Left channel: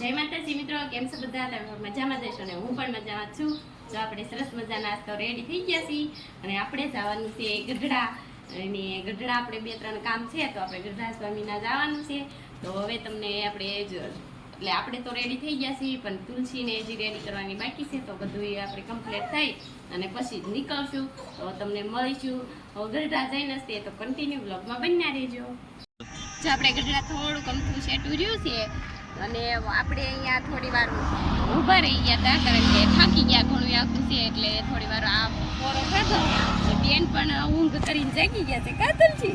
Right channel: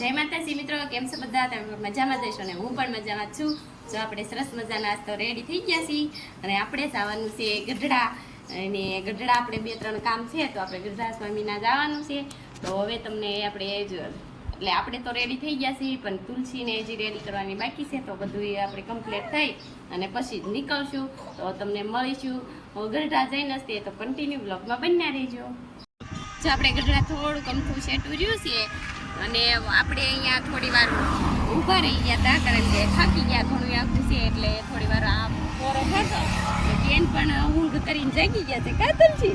જય માતાજી મિત્રો, કેમ છો બધા? તમે મજામાં જશો ને હું પણ મજામાં છું. જો આપણે સરસ મજાના તો રેડી થઈ ગયા છીએ અને આપણે જવાનું છે ગઢડા. અને ગઢડા આપણે બે ત્રણ કામ છે તો આપણે ગઢડા સ્વામીના જવાનું છે. તો હવે તમને આપણે એટલે આપણે તો રેડી થઈ ગયા છીએ, પણ તુલસીને હજી રેડી કરવાની બાકી છે તો બધું આપણે કમ્પ્લીટ થઈ અને પછી જ નીકળશું. તો તમને મળીશું. ગઢડા જઈને તે તો કન્ટિન્યુ બ્લોગમાં બન્યા રહેજો. જો આપણે ગઢડા થોડુંક અમથું સેટું રહ્યું છે અને આપણે અહીંયા થોડી વાર ઊભા રહી ગયા હતા, કારણ કે થાકી ગયા ઘણું આવતું છે, એટલે થોડી વાર આમ પોરો ખેંચો બેન પણ ઊંઘ કરીને જાગી ગયા છે. કાતલજી.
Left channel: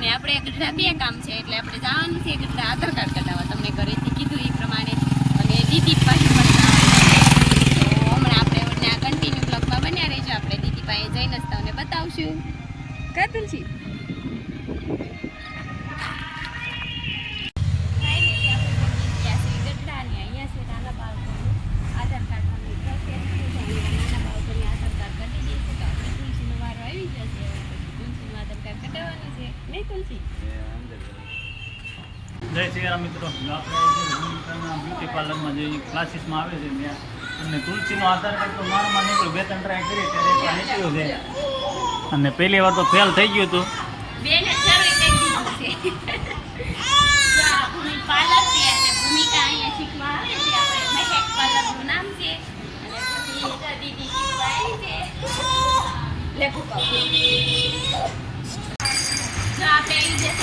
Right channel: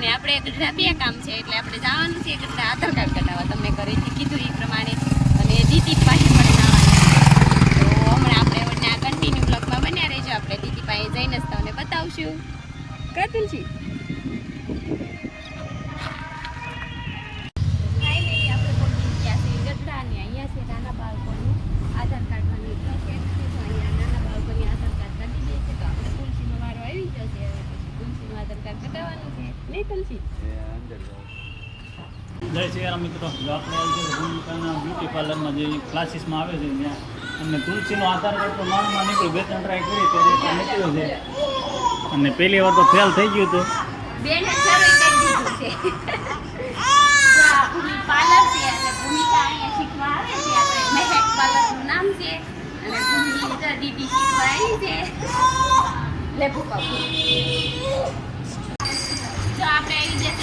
ને આપણે ગઢડા બે કામ છે, એટલે આપણે જવાનું છે ગઢડા આધાર કાર્ડ કઢાવવા. તમને ઘરેથી કીધું એ પ્રમાણે. અને દીદી પાસે પણ તો હમણાં આપણે વળના કન્ટિન્યુ બ્લોગમાં બન્યા રહેજો. આપણે દીદી પાસે જઈને જ તમને બતાવશું. કાતુલજી. જય શ્રી રામ મિત્રો. જો આપણે જે ભૂમિકાના બ્યુટી પાર્લરમાં જે ક્લાસીસમાં આવે છે ત્યાં, અને તુલસીનો આધાર કાર્ડ તો માણમાં નીકળ્યું, બે ત્રણ ટ્રાય કરી, ત્યારે એકવાર નીકળ્યો છે. અને પહેલી વાર તો ફેલ થઈ ગયું હતું.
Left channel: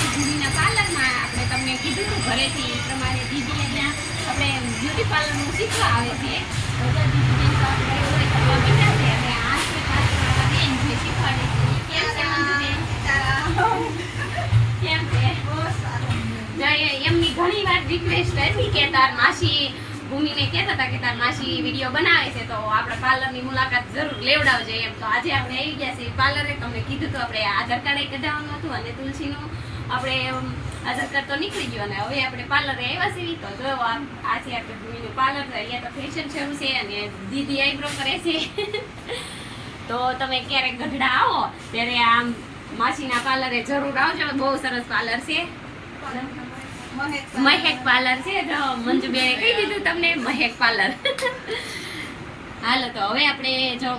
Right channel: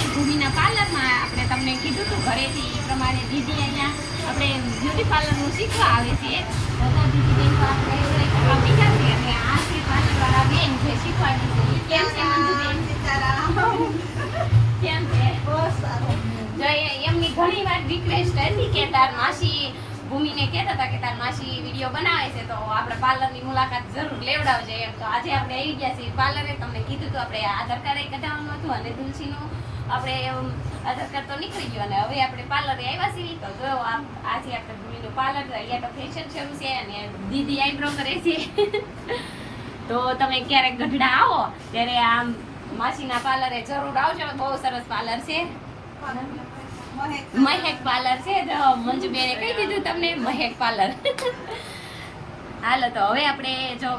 આપણે દીદી અહીંયા આપણે બ્યુટી પાર્લરનું શીખવા આવે છે. દીદી બેન તો આપણે રોજ કરવા મીઠા છે આ છે પાછળવાળા બેન જે શીખવાડે છે. કેમ છે મંજુબેન કેમ છે? જો એ- એમની ઘણી વાર રિક્વેસ્ટ હતી કે તાર માસી ભૂમિને કહેતા હતા કે તાર માસી વીડિયો બનાવે છે, તો આપણે પાર્લરની મુલાકાત જરૂર લેવડાવજે એમ. તો આજે આપણે આવી ગયા છીએ પાર્લરે. તમને કીધું તો આપણે આધાર કાર્ડ કઢાવવાનું હતું અને તુલસીનું આપણે આધાર કાર્ડ તો નીકળી ગયું અને હવે આપણે પાર્લરે આવ્યા છીએ. તો જો આજે આપણે ભૂમિનું પાર્લર અહીંયા તો ફેશન શરૂ છે અને દીદી આઈબ્રો કરે છે. તો તમે ક્યારેક ગઢડા આવો, ત્યારે આમ માસીના પાર્લરે જરૂર આવજો. બહુ સરસ પાર્લર છે. મહેક પાર્લર છે જો મંજુબેને કહી દીધું તમને મહેક પાર્લર. હાલો, તો હવે આપણે જો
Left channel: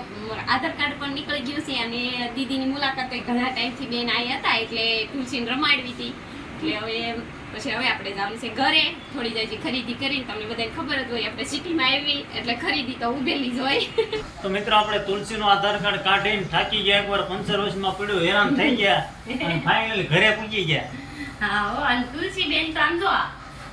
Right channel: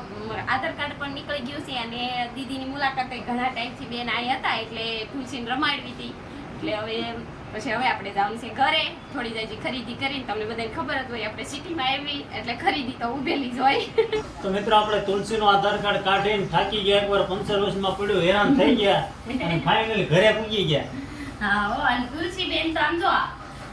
આધાર કાર્ડ પણ નીકળી ગયું છે અને દીદીની મુલાકાત ઘણા ટાઈમથી બેન આવ્યા હતા, એટલે તુલસીને રમાડવી હતી. એટલે હવે પછી હવે આપણે જવાનું છે ઘરે. થોડી જાય ખરીદી કરીને તમને બધાને ખબર જ હોય, આપણે સિટીમાં આવી એટલે ખરીદી તો ઉભેલી જ હોય. તો મિત્રો, આપણે તુલસીનો આધાર કાર્ડ કાઢીને થાકી ગયા, એકવાર પંચર વર્ષમાં પડ્યું, હેરાન થઈ ગયા, અને ફાઇનલી ઘરે પૂગી ગયા. હા અને તુલસીબેન તો આમ જો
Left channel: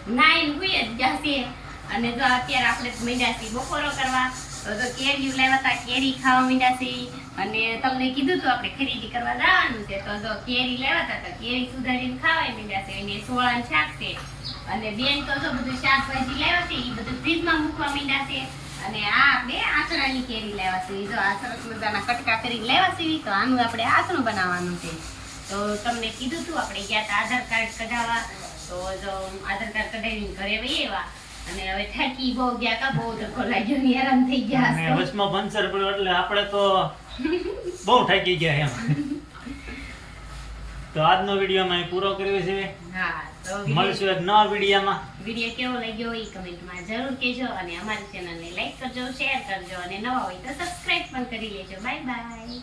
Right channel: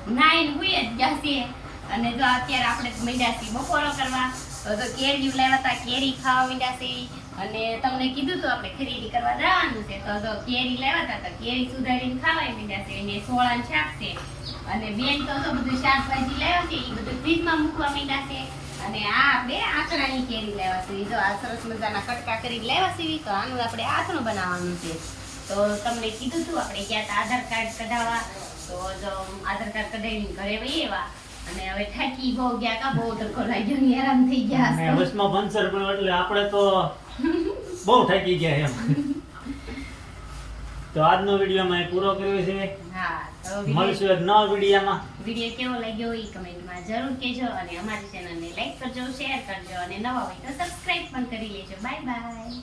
નાઈન હુઈ જ ગયા અને જો અત્યારે આપણે માંડ્યા બપોરો કરવા. તો કેરી લાવ્યા હતા, કેરી ખાવા માંડ્યા અને તમને કીધું તો આપણે ખરીદી કરવા જવાનું છે. તો જો કેરી લાવ્યા હતા, તો કેરી સુધારીને ખાવાય માંડ્યા છે. સોળાનું શાક છે. અને બેન તો જો બધું શાકભાજી લાવ્યા છે એ બધું ફ્રીજમાં મૂકવા માંડ્યા છે. અને આ આપણે આચરાની કેરી લેવા છે. તો આ સરસ મજાના કટકા કરી લેવા સીવી તો આનું આપણે આચરું બનાવવાનું છે. તો તમને કીધું હતું આપણે ગયા હતા આધાર કાર્ડ કઢાવવા. તો જો આધાર કાર્ડ કઢાવીને ઘરે વહી આવ્યા. અને હવે થાકી બહુ ગયા કા બહુ ધક્કો લાગ્યો ને આરામ થઈ ગયા બસમાં પંચર પડ્યું એટલે આપણે તો બહુ થાકી ગયા એમ. તો આજનો વીડિયો અમે પૂરો કર્યો છે. હા તો મળશું એક નવા વિડીયોમાં. વીડિયો કેવો લાગ્યો એ કમેન્ટમાં જરૂર કહેજો અને અમારી ચેનલને લાઈક કરજો શેર કરજો અને નવા હોય તો સબસ્ક્રાઇબ પણ કરી લેજો. Bye bye.